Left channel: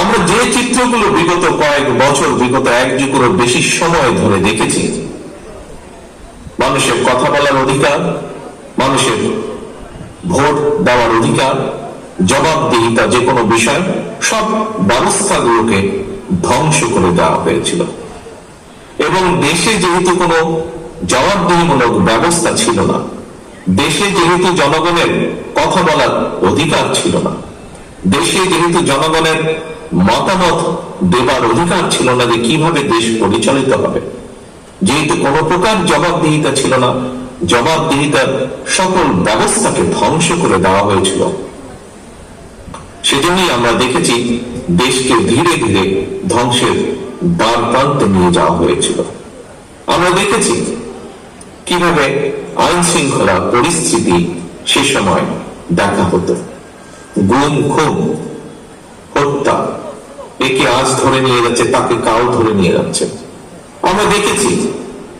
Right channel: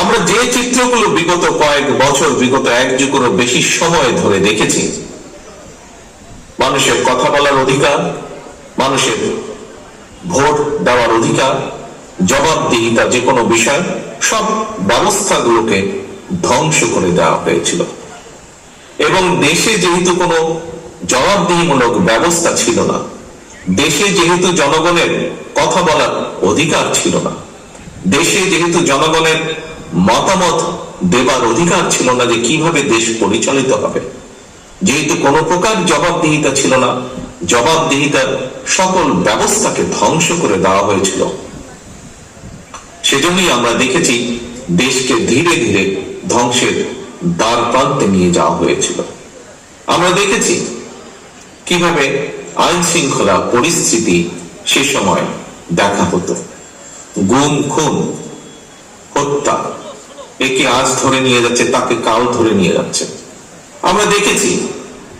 আমরা যে চিত্রগুলো বিগত কয়েক বছর, বিগত এক যুগেরও বেশি সময় ধরে দেখেছি, মানুষের কথা বলার অধিকার, মানুষের ভোট দেওয়ার অধিকার, জবাবদিহিতা যে কোনো বিষয়, সব ব্যবস্থাগুলোকে ধ্বংস করে দেওয়া হয়েছিল। এবং দেশে যেহেতু কোনো জবাবদিহিমূলক ব্যবস্থা ছিল না, দেশে যেহেতু জনগণের কথা বলার অধিকার ছিল না, দেশে যেহেতু জনগণের মতামত দেবার অধিকার ছিল না যে কীভাবে দেশ পরিচালিত হবে। যেহেতু কোনো প্রকার জবাবদিহিতা ছিল না জবাবদিহিতার সকল ব্যবস্থাকে ধ্বংস করে দেওয়া হয়েছিল। সেজন্যই আমরা দেখেছি দেশকে ধীরে ধীরে ধ্বংসের দ্বার প্রান্তে নিয়ে যাওয়া হয়েছিল। আমরা দেখেছি কীভাবে আইন শৃঙ্খলা পরিস্থিতি সে সময় দেখা হতো। গুম, খুন, হত্যা একে আজ ধরে নিয়ে যাচ্ছে, তাকে কাল ধরে নিয়ে যাচ্ছে। আমরা দেখেছি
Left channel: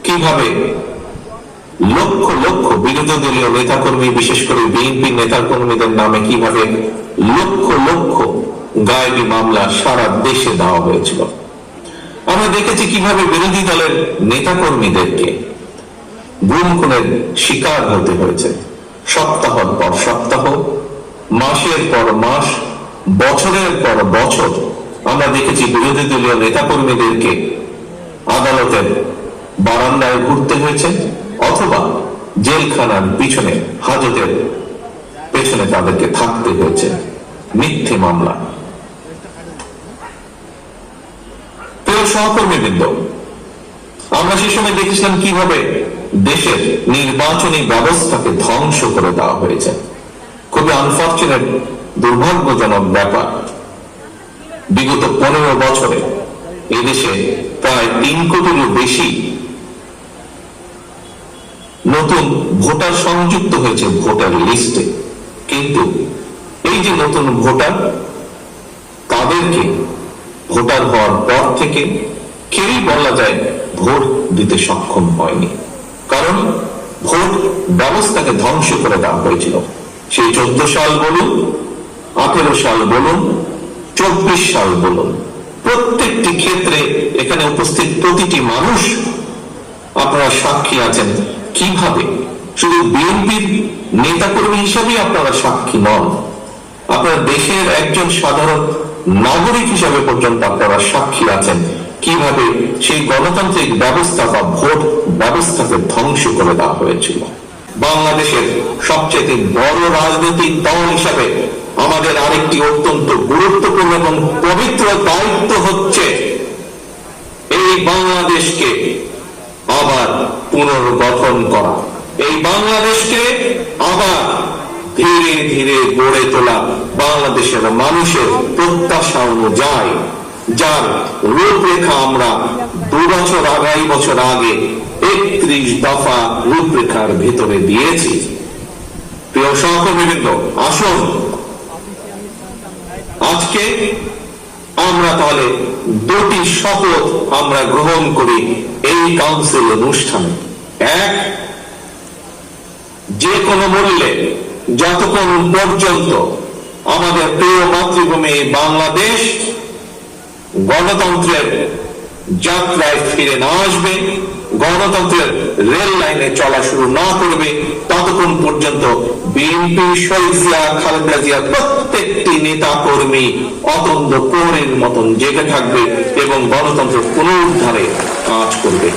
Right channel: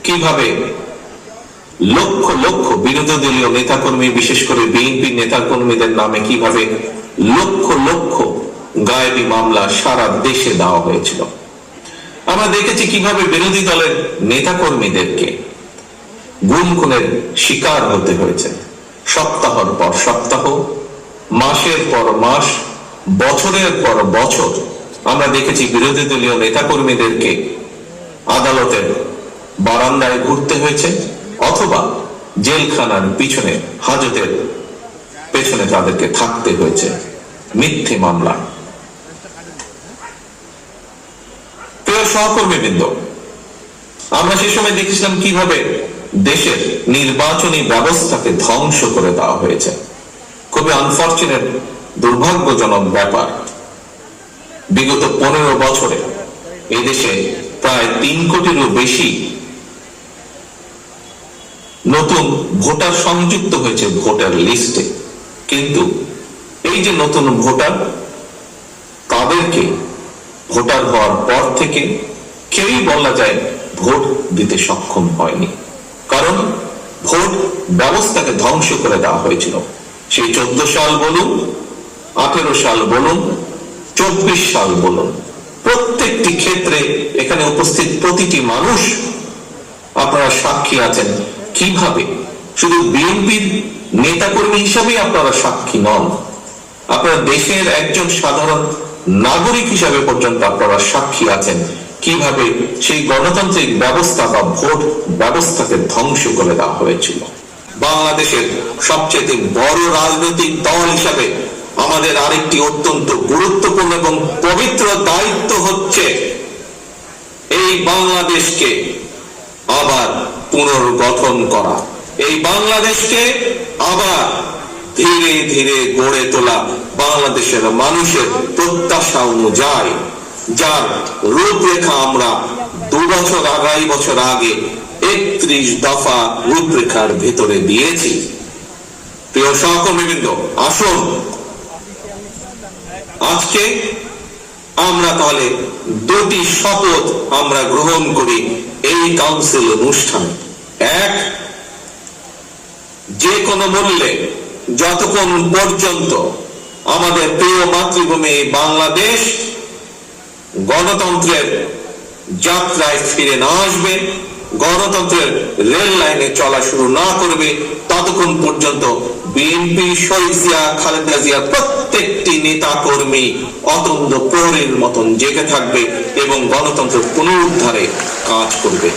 কীভাবে লক্ষ লক্ষ বিরোধী দলীয় নেতাকর্মী, বিশেষ করে বিএনপি নেতাকর্মীদের নামে কীভাবে লক্ষ লক্ষ গায়েবী মামলা সারা দেশে দেওয়া হয়েছিল। আমরা দেখেছি কীভাবে বিরোধী দলের নেতাকর্মীদেরকে গুম খুনের শিকার হতে হয়েছে। সপ্তাহ পর সপ্তাহ, মাসের পর মাস, বছরের পর বছর আমরা দেখেছি বিরোধী দলীয় নেতাকর্মীদেরকে আদালতের বারান্দায় ঘুরতে হয়েছে অথবা জেলখানার পিছনে, হাজতের পেছনে তাদেরকে থাকতে হয়েছে। মিথ্যে মামলা। প্রিয় সহকর্মীবৃন্দ, আমরা সে সময় দেখেছিলাম কীভাবে দেশের নির্বাচনী ব্যবস্থাকে ধ্বংস করে দেওয়া হয়েছে। খুবই আনফর্চুনেট দুর্ভাগ্যজনক ব্যাপার। বিগত পনেরো বছরে এদেশে প্রায় তিন কোটিরও বেশি নতুন ভোটার সংযুক্ত হয়েছে ভোটার লিস্টে। কিন্তু এই যে নতুন ভোটার, তাদেরকে ভোটার হওয়ার পর থেকে কেউই বলা যায় ভোট দিতে সক্ষম হয়নি। কারণ ভোট ব্যবস্থাকে ধ্বংস করে দেওয়া হয়েছিল। সেই চোদ্দ সাল বলুন, আঠেরো সাল বলুন চব্বিশ সাল বলুন প্রত্যেকটি ক্ষেত্রে এখানে উপস্থিত প্রতিটি মানুষ আপনারা সাক্ষী আছেন। কীভাবে? শুধু বিএনপির নেতাকর্মী হিসাবে আপনারা সাক্ষী নন। আপনারা দেশের একজন সাধারণ নাগরিক হিসাবে পর্যন্ত আপনারা সাক্ষী আছেন। কীভাবে সেই গণতান্ত্রিক ব্যবস্থা বা ভোট ব্যবস্থাকে ধ্বংস করে দেওয়া হয়েছিল। বাংলাদেশের সবচেয়ে বড় রাজনৈতিক দল হিসাবে আমাদের আরেকটি অত্যন্ত গুরুত্বপূর্ণ এবং পবিত্র দায়িত্ব হচ্ছে এই বাংলাদেশকে আবার পুনর্গঠন করা। এই বাংলাদেশকে আবার ধীরে ধীরে গড়ে তোলা বাংলাদেশের মানুষের প্রত্যাশা অনুযায়ী, যার রূপরেখা আমরা দু বছর আড়াই বছর আগে একত্রিশ দফা রূপরেখার ভিতরে দিয়েছি। প্রিয় সহকর্মীবৃন্দ, আসুন আজকে আমরা তাহলে দুটি শপথ আমরা গ্রহণ করি এই কাউন্সিল অনুষ্ঠানে। এক, যে কোনো মূল্যে যতক্ষণ পর্যন্ত আমাদের প্রিয় মাতৃভূমি বাংলাদেশ গণতন্ত্রের যাত্রায় ফিরে না আসবে গণতন্ত্রের রেল লাইনে চলা শুরু না করবে, ততক্ষণ পর্যন্ত বিএনপি শহীদ খালেদা জিয়া প্রত্যেকটি নেতা কর্মী অতন্ত্র প্রহরীর মতন জেগে থাকবে এবং গণতন্ত্র পুনরুদ্ধারে কাজ করবে।